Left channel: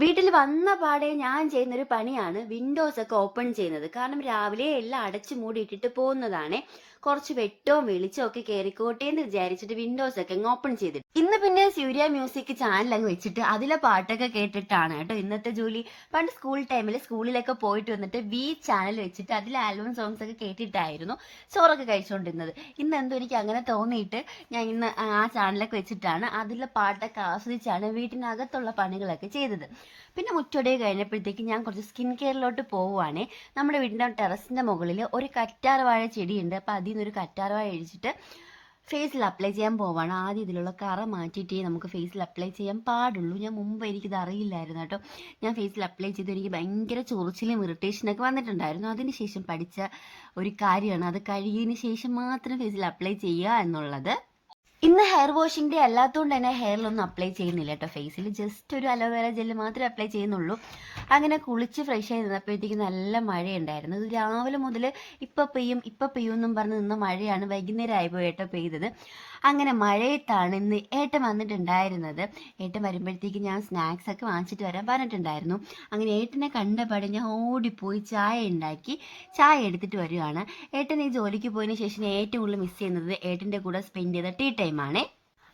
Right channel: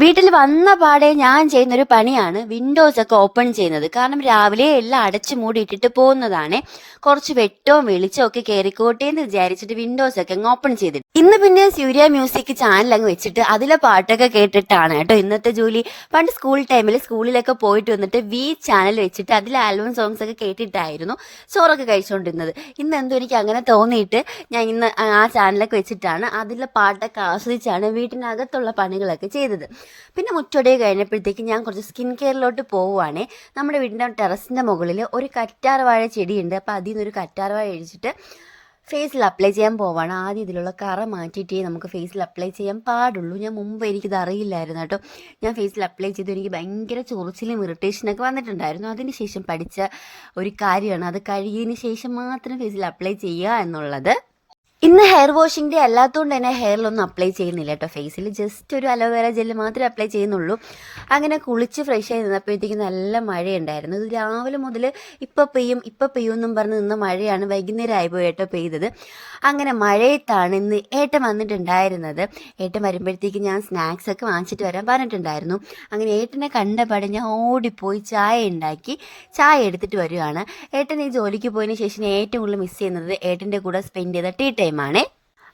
വീട്ടിൽ വന്ന പാടെ ഞാൻ ചെയ്യുന്നൊരു പണിയാണ് വിൻഡോസ് ഒക്കെ ഓപ്പൺ ചെയ്യുന്നത്. കാരണം രാവിലെ എല്ലാം അടച്ചു മൂടി ഇട്ടിട്ട് പോകുന്നതാണ്. കുറച്ച് വെട്ടവും വെളിച്ചവും ഒക്കെ കയറിക്കോട്ടെ എന്ന് വിചാരിച്ചിട്ട് വിൻഡോസ് ഒക്കെ അങ്ങ് ഓപ്പൺ ചെയ്തിട്ട് ഇന്ന് പിന്നെ സൂര്യ മ്യൂസിക് ചാനൽ അങ്ങ് വെച്ചിട്ട് അതിലെ പാട്ടൊക്കെ കേട്ടിട്ടാണ് കേട്ടോ ഇന്നത്തെ ജോലി. പണ്ട് സ്കൂൾ ടൈമിൽ സ്കൂളിലൊക്കെ പോയിട്ട് വന്നിട്ട് ചാനൽ വെച്ചിട്ട് അതിലെ ആൽബം സോങ്സ് ഒക്കെ കേട്ടിട്ടായിരുന്നു ചോറൊക്കെ കഴിച്ചുകൊണ്ടിരുന്നത്. ഇന്ന് എന്തോ എനിക്ക് അങ്ങനെ തോന്നിയിട്ട് ഞാൻ ഇന്ന് ആ ചാനലൊക്കെ വെച്ചിട്ടാണ് അതിലെ പാട്ടൊക്കെ ആസ്വദിച്ചാണ് വീട്ടിനകത്തുള്ള പണികളൊക്കെ ചെയ്തത്. പിന്നെ മുറ്റോടെ കഴിഞ്ഞപ്പോഴത്തേക്ക് ഞാൻ കുറച്ച് സ്കിൻ കെയറിലോട്ട് പോവുകയാണേ. നമ്മുടെ വീടിൻ്റെ ടെറസിൻ്റെ മുകളിൽ ഒരു കറ്റാർവാഴ ചെടിയുണ്ട്. അപ്പോൾ അതിൽ നിന്നൊരു കറ്റാർവാഴ അഴിച്ചിട്ട് ഫേസിൽ അപ്ലൈ ചെയ്യാൻ പോവാണ്. ആദ്യം ഇതിലുള്ള കറ മാറ്റിയിട്ടേ നമുക്ക് ഫേസിൽ അപ്ലൈ ചെയ്യാൻ പാടുള്ളൂ. ഞാൻ മുമ്പ് എനിക്കിത് അറിയില്ലായിരുന്നു കേട്ടോ. ഞാൻ ഫേസിൽ അപ്ലൈ ചെയ്ത് എനിക്ക് ഭയങ്കര ചൊറിച്ചിലും ഇറിറ്റേഷനൊക്കെ വന്നിട്ടുണ്ടായിരുന്നു. അതിന് ശേഷം പഠിച്ച ഒരു കാര്യമാണ് അത് കഴുകിയതിന് ശേഷം മാത്രം ഫേസിൽ അപ്ലൈ ചെയ്യുക എന്നുള്ളത്. ഇന്ന് ഹെയർ വാഷിംഗ് ഡേ അല്ലാത്തതുകൊണ്ട് തന്നെ ഹെയറിലൊന്നും അപ്ലൈ ചെയ്യുന്നില്ല കേട്ടോ. ഫേസിൽ ജസ്റ്റ് ഒരു അലോവേറ ജെല്ല് മാത്രമേ അപ്ലൈ ചെയ്യുന്നുള്ളൂ. അങ്ങനെ കുളിച്ച് ഫ്രഷ് ആയി നിന്നപ്പോഴത്തേക്ക് നല്ല മഴയുണ്ടായിരുന്നു. ഇത് രാവിലെ മുതൽ ഇപ്പം പെയ്യും എന്നും പറഞ്ഞ് നിന്ന മഴയാണ് വൈകുന്നേരം ആയിപ്പോയി കേട്ടോ പെയ്തത്. അങ്ങനെ മഴയത്താണ് ഇന്ന് ഏട്ടൻ വന്നിട്ടുണ്ടായിരുന്നത്. ഏട്ടൻ വരുമ്പോഴത്തേക്ക് ഞാൻ സ്നാക്സ് ഒക്കെ വാങ്ങിച്ചിട്ട് വരാൻ പറഞ്ഞിട്ടുണ്ടായിരുന്നു. അങ്ങനെ ഏട്ടനെ കണ്ടപാടെ ഞാൻ ഓടിപ്പോയി ചായ ഉണ്ടാക്കി ചായ എടുത്തിട്ട് വരികയാണ്. ഏട്ടൻ ഈ ജോലിക്ക് പോയതിന് ശേഷം ഏറ്റവും കൂടുതൽ മിസ് ചെയ്യുന്നത് ഏട്ടൻ്റെ കൂടെ സ്പെൻഡ് ചെയ്ത ടീ ടൈമാണ്.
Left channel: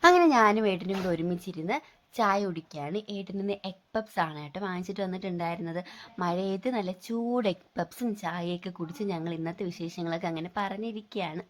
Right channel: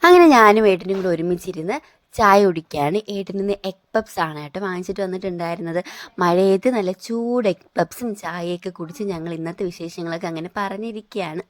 അങ്ങനെ ഞാനും ഏട്ടനും കൂടെ ഒരുമിച്ചിരുന്ന് ചായ കുടിക്കുകയാണ്. ഏട്ടനിൽ നിന്ന് എഗ് പപ്സ് ആണ് കേട്ടോ വാങ്ങിച്ചിട്ട് വന്നിട്ടുണ്ടായിരുന്നത്. മഴയത്ത് നല്ല ചൂട് എഗ് പപ്സും ചായയൊക്കെ കുടിച്ച് ഞങ്ങൾ ഇന്നത്തെ വിശേഷങ്ങളൊക്കെ അങ്ങനെ പറഞ്ഞിരിക്കുകയാണ്.